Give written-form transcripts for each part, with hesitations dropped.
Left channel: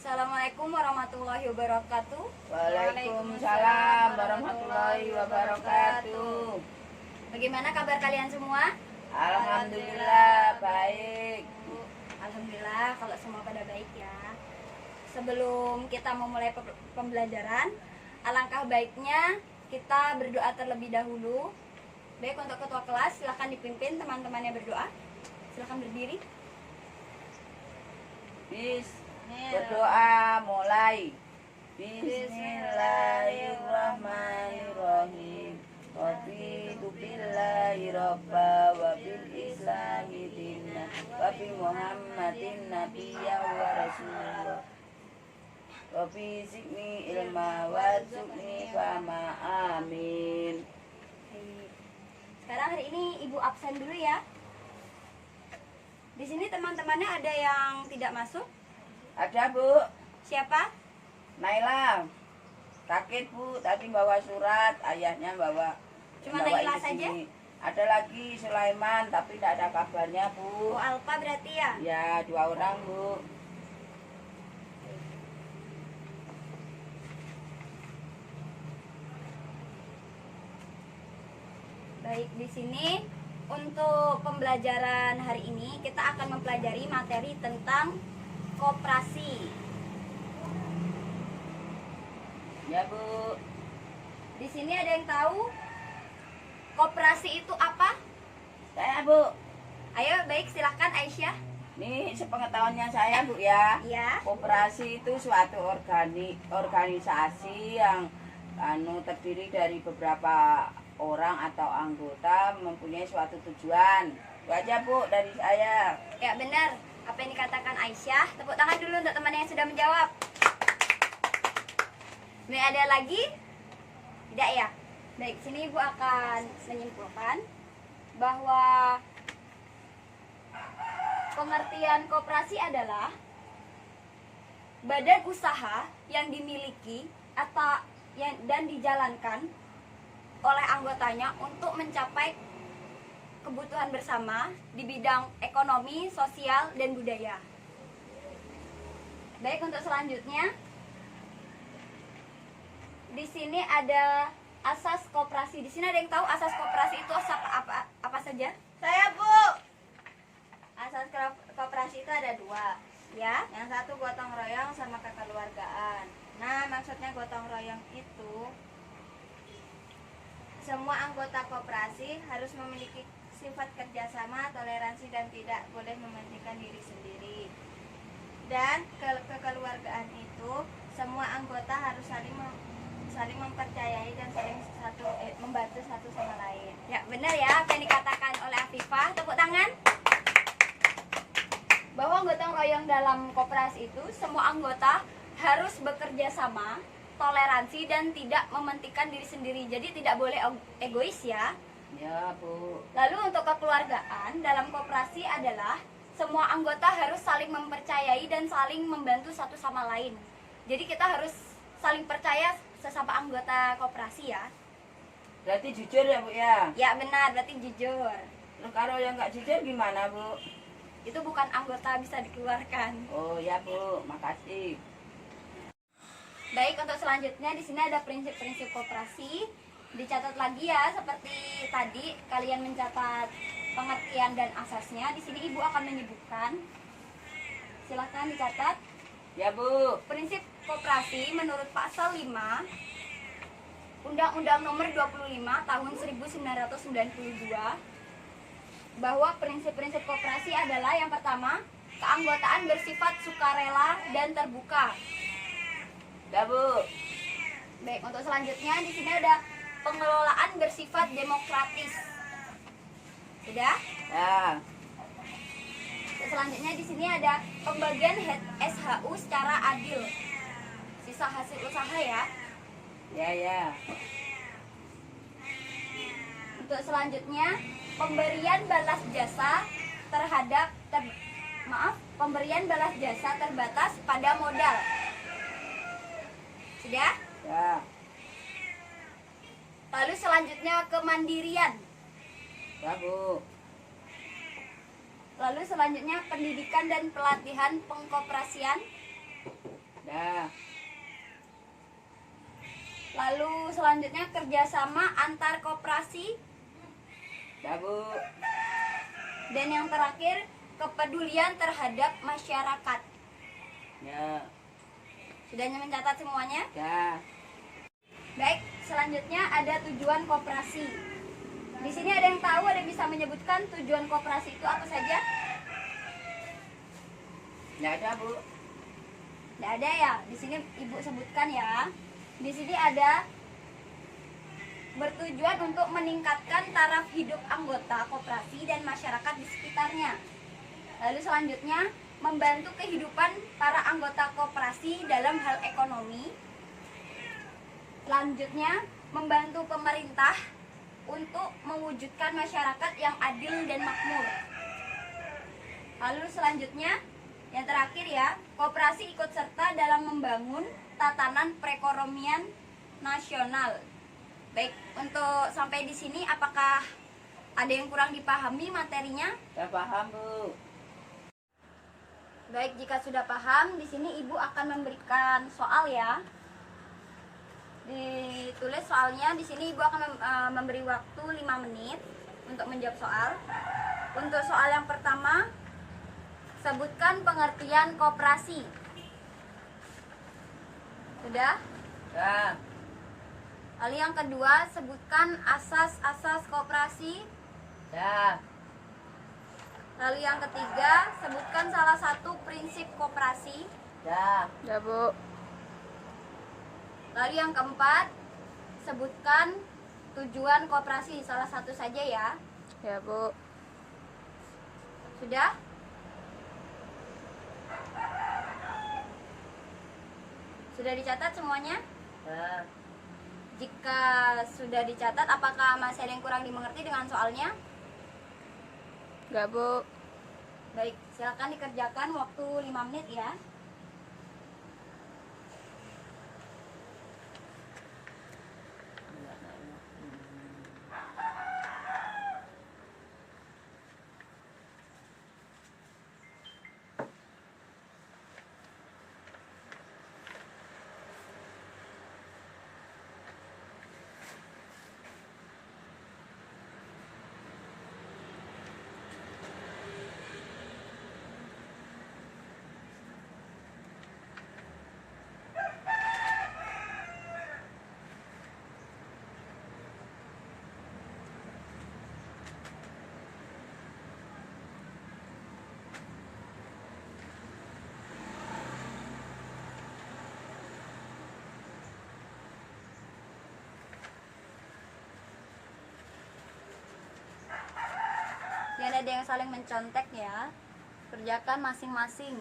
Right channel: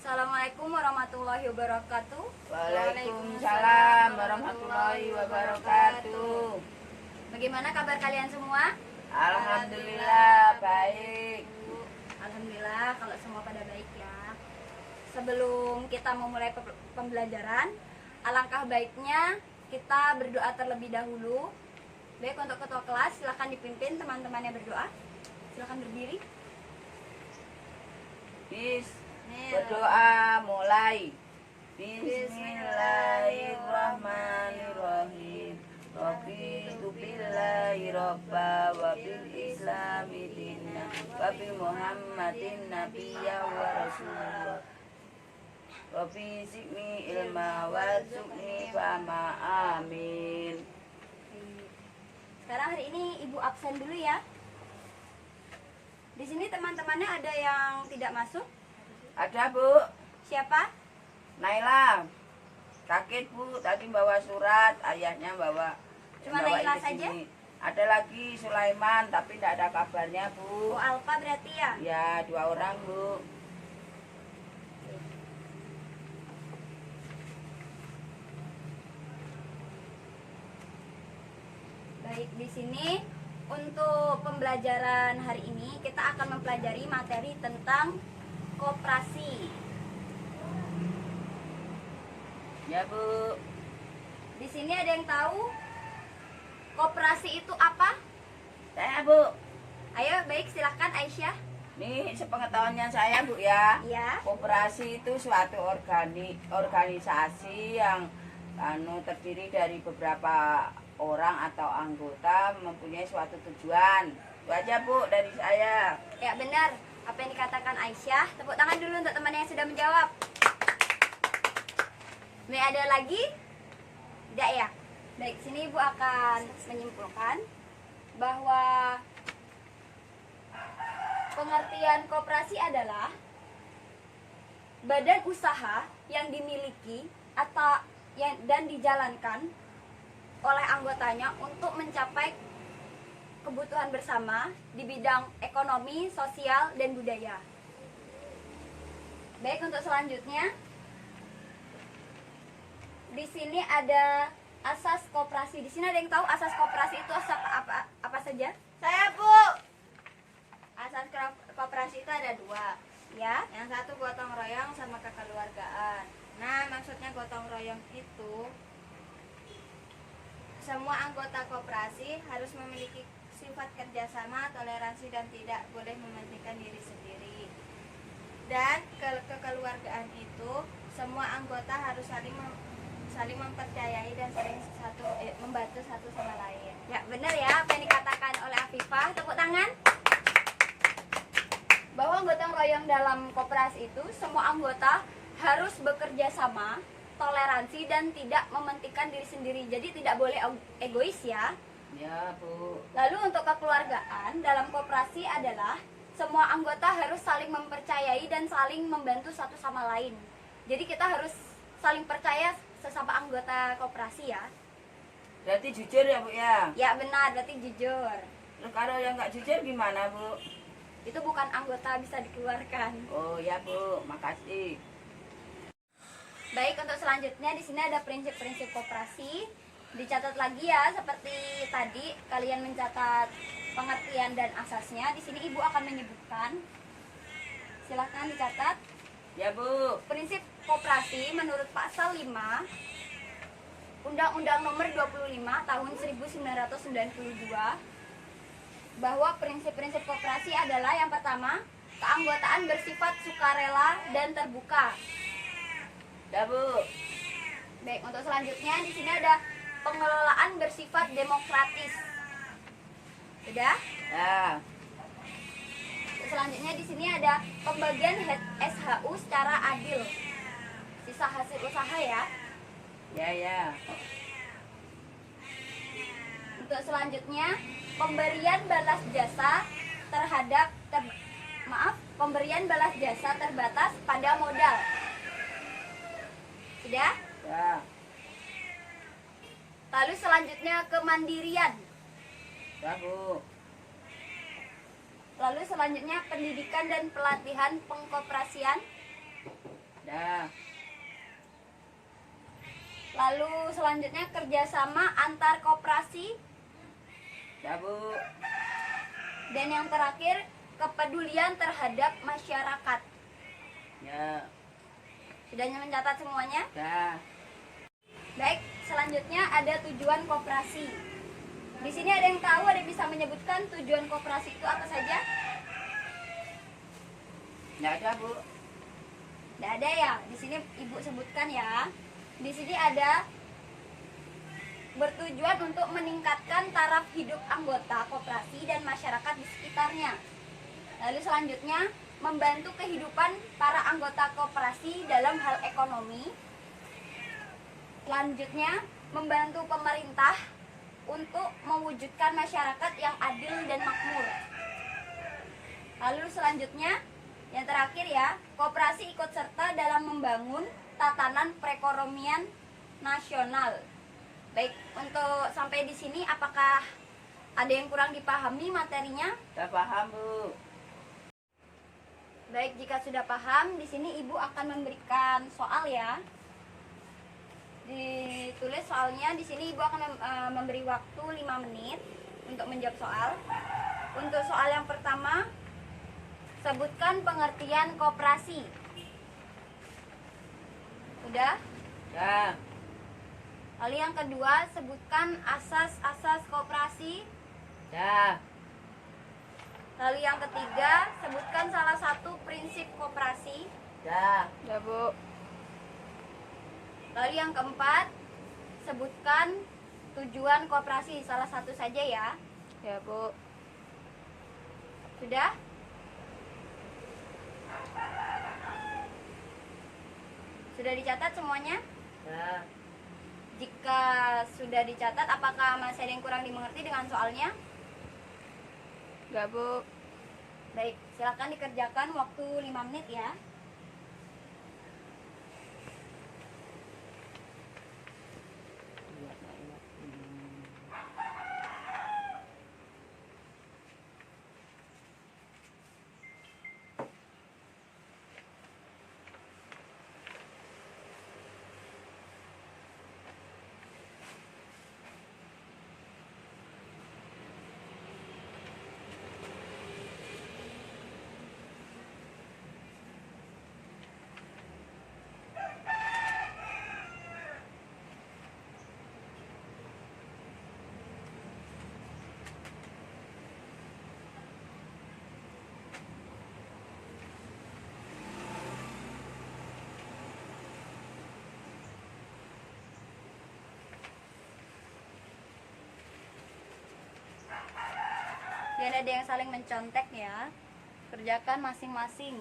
Assalamualaikum warahmatullahi wabarakatuh. Waalaikumsalam warahmatullahi wabarakatuh. Bagaimana kabar kalian semua? Alhamdulillah baik. Alhamdulillah kalau semua pada baik ya. Sebelum kita memulai pembelajaran, alangkah baiknya kita berdoa terlebih dahulu. Baik, untuk ketua kelas silakan dipimpin teman-temannya berdoa. Silakan berdiri. Berdoa mulai. Bismillahirrahmanirrahim. Raditu billahi robba wa bil islami dinna wa bi Muhammadin nabiyya wa rasulullah. Rabbi zidni ilma warzuqni fahma. Amin. Sekarang hari ini Ibu absen dulu ya. Di sini teman-temannya ada yang tidak masuk? Ada, Bu. Siapa? Naila. Kaget, Bu, tadi bawa surat, ayahnya bawa. Cuma bawain Naila ke saja? sini. Ada lagi Sulaiman, tapi tidak ada kabarnya, Bu. Oh, Alfa berarti ya? Ya, 2 orang, Bu. Baik, di sini untuk pembelajaran hari ini kita akan mempelajari materi tentang koperasi. Ya, Bu. Di sini ada yang tahu koperasi itu apa? Saya, Bu. Ayo, baik, silahkan Aisyah. Nih, sepengetahuannya saya, Bu ya. Ya. Koperasi itu suatu organisasi yang terdiri dari beberapa orang atau anggota mempunyai suatu tujuan. Itu aja, Bu, dari saya. Ya, benar. Apa yang dikatakan Aisyah. Tepuk tangan dulu untuk teman yang sudah menjawab. Ada lagi? Tidak ya? Baik, sini Ibu akan menyimpulkan bahwa pengertian koperasi adalah badan usaha yang dimiliki atau dan dijalankan oleh anggotanya untuk mencapai kebutuhan bersama di bidang ekonomi, sosial, dan budaya. Baik, untuk selanjutnya di sini ada asas koperasi. Di sini ada yang tahu asas koperasi itu apa saja? Saya, Bu. Asas koperasi itu ada 2, ya. Yang satu gotong royong sama kekeluargaan. Nah, maksudnya gotong royong itu semua anggota koperasi harus memiliki sifat kerjasama, toleransi, dan tidak boleh mementingkan diri sendiri. Dan kekeluargaan itu semua anggota harus saling mempercayai dan saling membantu satu sama lain. Ya, benar ya apa yang dikatakan oleh Afifah. Tepuk tangan. Bahwa gotong royong dalam koperasi itu semua anggota harus bekerja sama, toleransi, dan tidak mementingkan diri sendiri. Jadi tidak boleh egois ya. Ya, Bu. Lalu untuk kekeluargaan dalam koperasi adalah semua anggota harus saling mempercayai dan saling membantu satu sama lain. Jadi kita harus saling percaya sesama anggota koperasi ya. Berarti jujur ya, Bu ya? Ya benar, berarti jujur. Terus kalau yang nggak jujur gimana, Bu? Itu bukan anggota, bisa dikeluarkan. Oh ya, Bu, makasih. Baik, untuk selanjutnya di sini ada prinsip-prinsip koperasi. Dicatat lagi ya, seperti tadi kalian mencatat pengertian dan asasnya. Di sini Ibu akan menyebutkan. Silahkan dicatat. Ya, Bu. Prinsip koperasi menurut pasal 5 Undang-Undang Nomor 25 Tahun 1992 bahwa prinsip-prinsip koperasi adalah yang pertama, keanggotaan bersifat sukarela dan terbuka. Ya, Bu. Baik, untuk selanjutnya di sini ada pengelolaan bersifat demokratis. Sudah? Ya. Selanjutnya di sini ada pembagian SHU secara adil. Sisa hasil usaha ya. Ya. Untuk selanjutnya pemberian balas jasa terbatas pada modal. Sudah? Ya. Lalu selanjutnya kemandirian. Ya, Bu. Lalu selanjutnya pendidikan dan pelatihan pengkoperasian. Ya. Lalu selanjutnya kerjasama antar koperasi. Ya, Bu. Dan yang terakhir kepedulian terhadap masyarakat. Ya. Sudah mencatat semuanya? Ya. Baik, selanjutnya ada tujuan koperasi. Di sini ada yang tahu, ada yang bisa menyebutkan tujuan koperasi itu apa saja? Nggak ada, Bu. Tidak ada ya. Di sini Ibu sebutkan ya. Di sini ada bertujuan untuk meningkatkan taraf hidup anggota koperasi dan masyarakat di sekitarnya. Lalu selanjutnya membantu kehidupan para anggota koperasi dalam hal ekonomi. Selanjutnya membantu pemerintah untuk mewujudkan masyarakat yang adil dan makmur. Lalu selanjutnya yang terakhir ya, koperasi ikut serta dalam membangun tatanan perekonomian nasional. Baik, untuk sampai di sini apakah ada yang kurang dipahami materinya? Saya paham, Bu. Baik, jika sudah paham, di sini Ibu akan memberikan soal ya. Ditulis soalnya, di sini Ibu akan memberi waktu 5 menit untuk menjawab soal. Untuk soal yang pertama, sebutkan pengertian koperasi. Sudah? Ya. Lalu yang kedua, sebutkan asas-asas koperasi. Ya. Lalu yang ketiga, sebutkan salah satu prinsip koperasi. Ya. Ya, Bu. Lalu yang keempat, sebutkan tujuan koperasi, salah satu saja ya. Ya, Bu. Sudah? Sudah dicatat semuanya? Ya. Jika sudah dicatat, apakah masih ada yang kurang dimengerti dengan soalnya? Ya, Bu. Baik, silakan dikerjakan waktu 5 menit ya. Dan ada yang saling mencontek ya. Kerjakan masing-masing.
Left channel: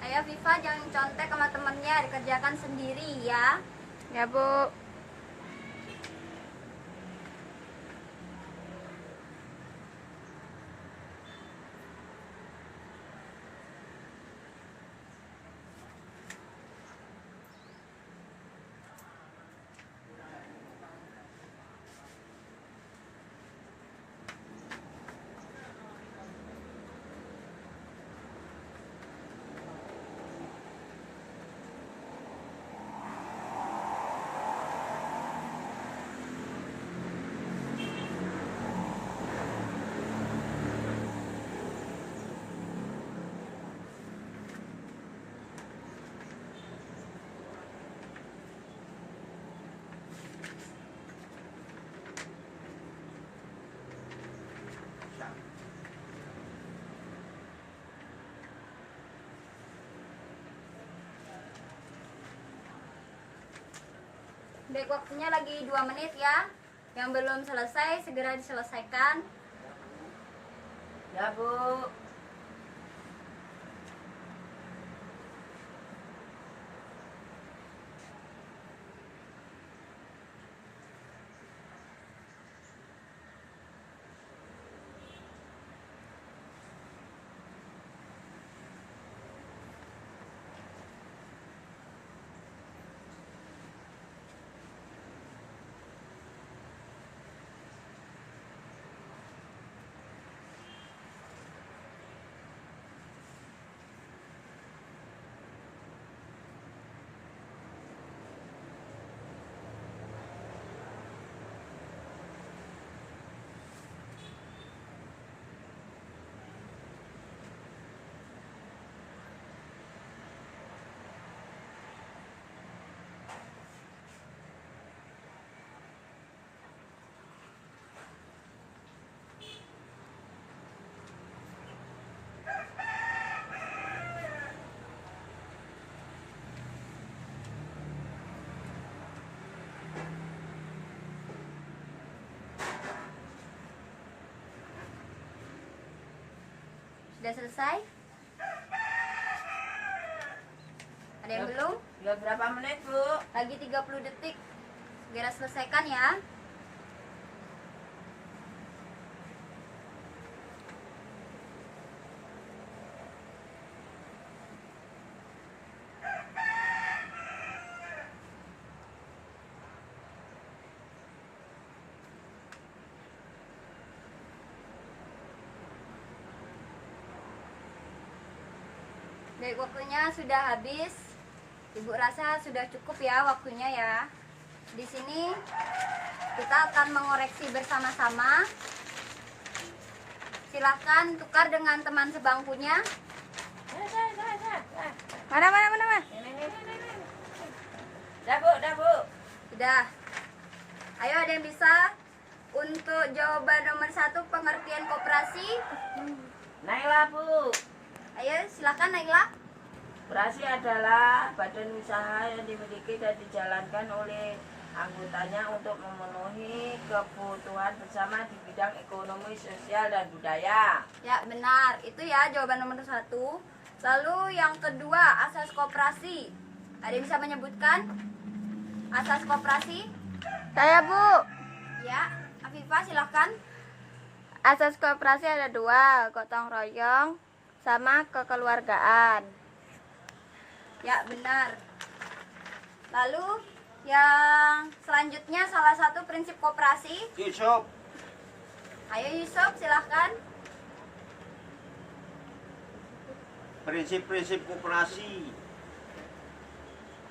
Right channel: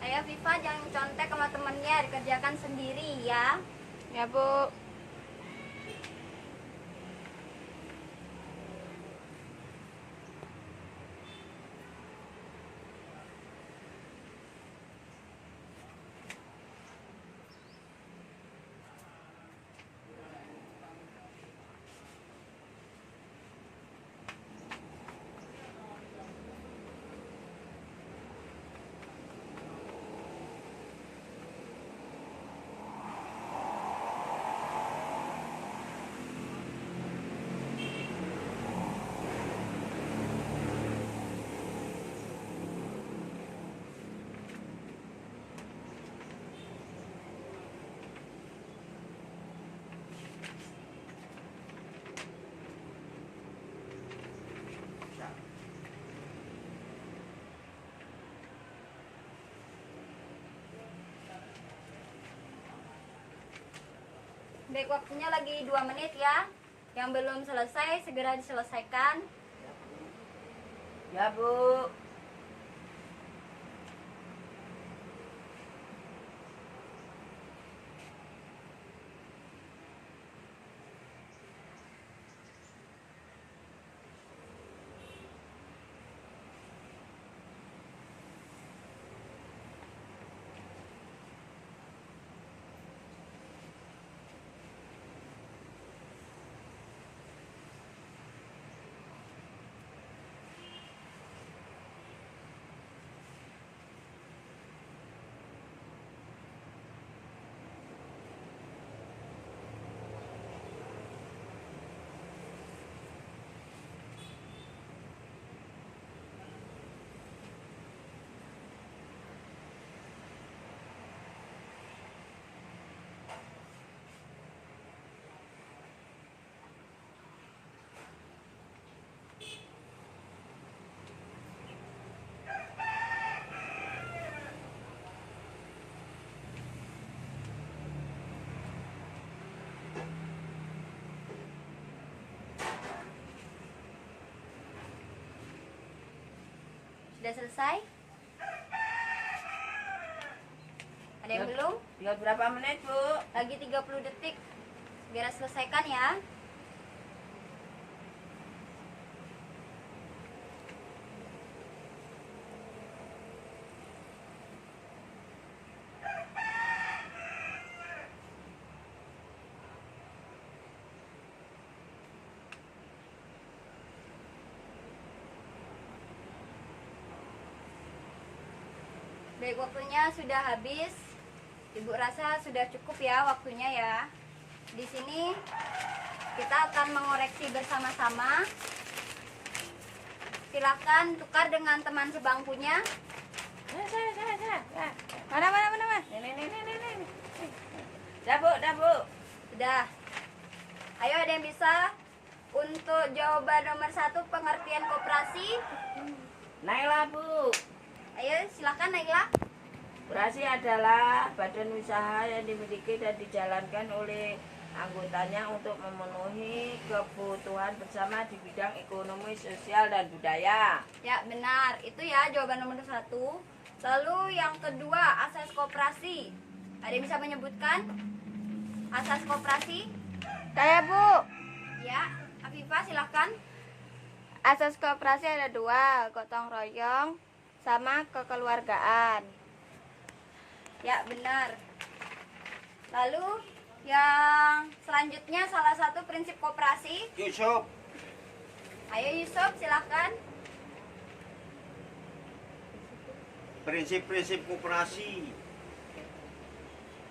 Ayo Viva, jangan contek sama temennya, dikerjakan sendiri ya. Ya, Bu. Baik, waktunya lagi 2 menit ya. Yang belum selesai segera diselesaikan. Ya Bu. Sudah selesai? Ada yang belum? Tinggal berapa menit Bu? Lagi 30 detik. Segera selesaikan ya. Baik, waktunya sudah habis. Ibu rasa sudah cukup ya waktunya ya. Di sini kita akan mengoreksi bersama-sama. Silahkan tukar dengan teman sebangkunya. Mana? Ini. Dah Bu. Sudah. Ayo, ada yang bisa? Untuk jawaban nomor 1 pengertian koperasi. Naila Bu. Ayo silahkan Naila. Koperasi adalah badan usaha yang dimiliki dan dijalankan oleh anggotanya untuk memenuhi kebutuhan bersama di bidang ekonomi, sosial, dan budaya. Ya benar, itu ya jawaban nomor 1. Lalu yang kedua, asas koperasi. Ada yang bisa menyebutkan asas koperasi? Saya Bu. Ya, Afifah silahkan. Asas koperasi ada 2, gotong royong sama kekeluargaan. Ya benar. Lalu yang selanjutnya salah satu prinsip koperasi. Yusuf, Ayo Yusuf silahkan. prinsip-prinsip koperasi.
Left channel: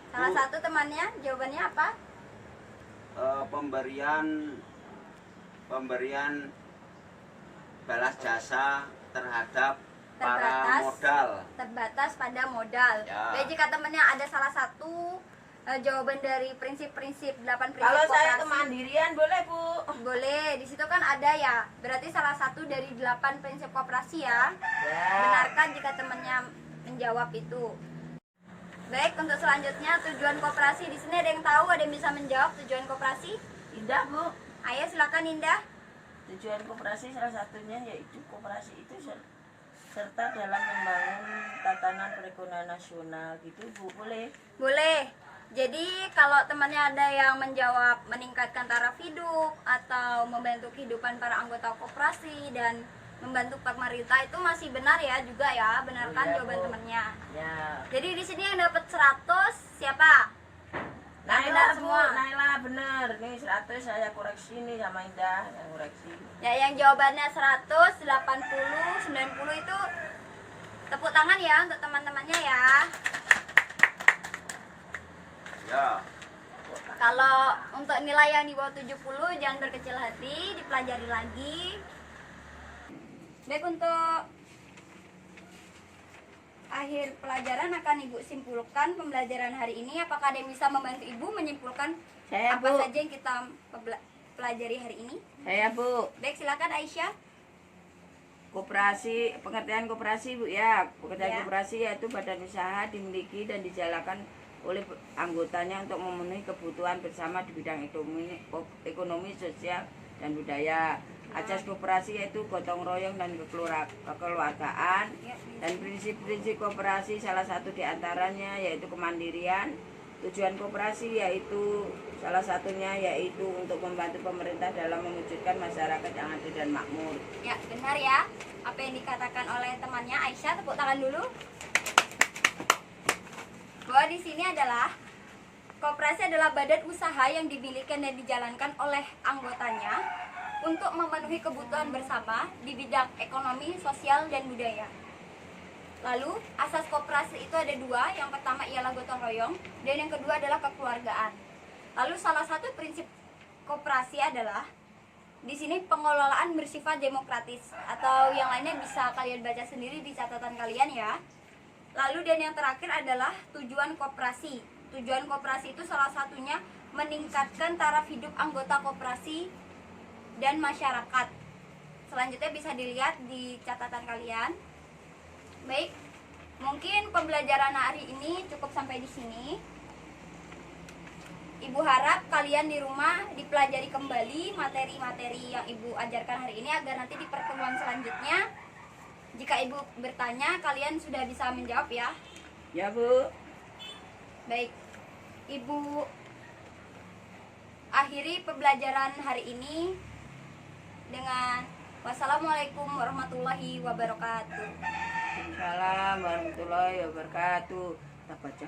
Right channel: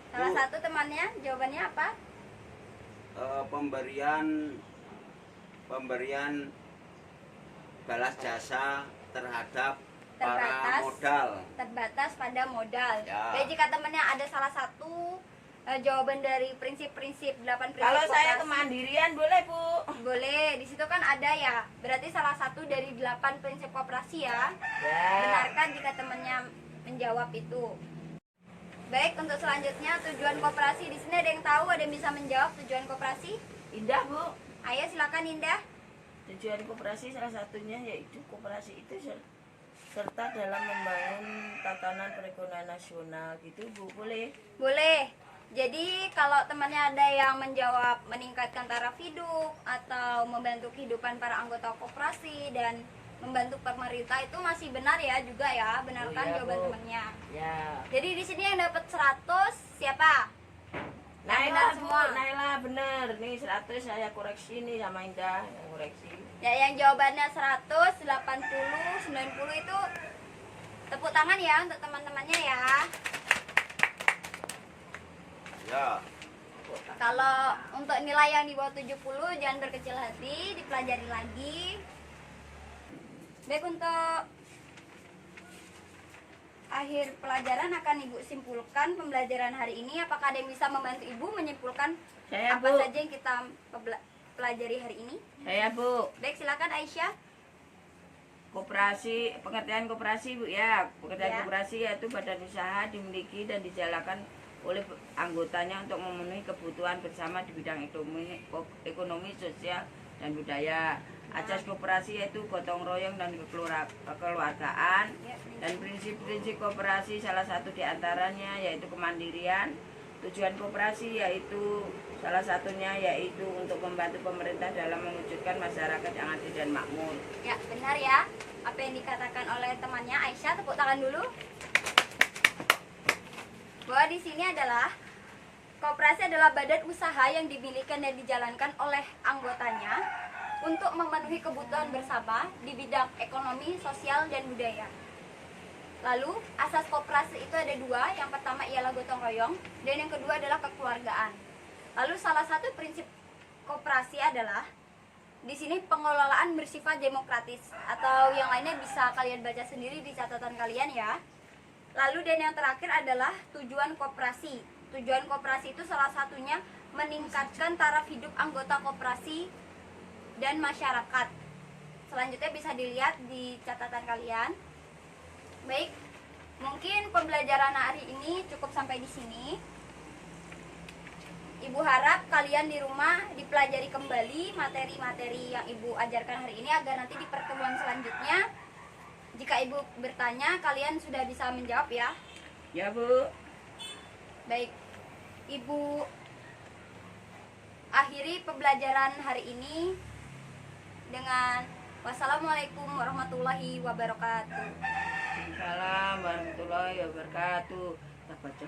Salah satu temannya jawabannya apa? Pemberian balas jasa terhadap para Terbatas. modal. Terbatas pada modal. Ya. Baik, jika temannya ada salah satu jawaban dari prinsip-prinsip 8 prinsip Kalau saya koperasi. kemandirian boleh Bu. Boleh, di situ kan ada ya. Berarti salah satu dari 8 prinsip koperasi ya. Ya. Benarkan jika temannya menjawab itu. Baik, untuk selanjutnya tujuan koperasi. Di sini ada yang tahu, ada yang bisa menjawab tujuan koperasi? Indah Bu. Ayo silakan Indah. Tujuan koperasi salah satunya yaitu koperasi itu serta dalam membangun tatanan perekonomian nasional gitu Bu, boleh? Boleh. Jadi kalau temannya ada yang menjawab meningkatkan taraf hidup atau membantu kehidupan para anggota koperasi dan membantu pemerintah, itu masih benar ya juga ya. Benarkan Oh iya, jawaban Bu. temannya. Ya. Jadi di sini yang dapat 100 siapa? Naila benar Bu, semua. Naila benar. Nih 100 saya koreksi nih sama Indah yang koreksi. Ya, yang jawabannya 100, 80, 90 itu tepuk tangan ya untuk teman-temannya ya. Ya. Kalau untuk nilai yang di bawah 70 jangan berkecil hati, dipelajari lagi. Baik, untuk akhir pelajaran akan Ibu simpulkan pembelajaran hari ini. Apakah ada yang bisa membantu Ibu menyimpulkan Saya apa Bu. saja yang kita pelajari hari ini? Saya Bu. Baik, silakan Aisyah. Pengertian koperasi Bu ya. Pengertian Ya. koperasi yaitu badan usaha dimiliki dan dijalankan oleh anggotanya untuk memenuhi kebutuhan bersama di bidang ekonomi, sosial, dan budaya. Asas koperasi yaitu gotong royong dan kekeluargaan, dan prinsip-prinsip koperasi salah satu diantaranya yaitu kemandirian. Tujuan koperasi yaitu salah satunya yaitu untuk membantu pemerintah dalam mewujudkan masyarakat yang adil dan makmur. Ya, benar ya. Apa yang dikatakan oleh temannya Aisyah, tepuk tangan dulu. Bahwa di sini adalah koperasi adalah badan usaha yang dimiliki dan dijalankan oleh anggotanya untuk memenuhi kebutuhan bersama di bidang ekonomi, sosial, dan budaya. Lalu, asas koperasi itu ada dua. Yang pertama ialah gotong royong, dan yang kedua adalah kekeluargaan. Lalu, salah satu prinsip koperasi adalah di sini pengelolaan bersifat demokratis, atau yang lainnya bisa kalian baca sendiri di catatan kalian ya. Lalu, dan yang terakhir adalah tujuan koperasi. Tujuan koperasi itu salah satunya meningkatkan taraf hidup anggota koperasi dan masyarakat. Selanjutnya bisa dilihat di catatan kalian. Baik, mungkin pembelajaran hari ini cukup sampai di sini. Ibu harap kalian di rumah dipelajari kembali materi-materi yang Ibu ajarkan hari ini agar nanti di pertemuan selanjutnya jika Ibu bertanya kalian sudah bisa menjawab ya. Ya, Bu. Baik, Ibu akhiri pembelajaran hari ini dengan wassalamualaikum warahmatullahi wabarakatuh. Waalaikumsalam warahmatullahi wabarakatuh. Kita baca.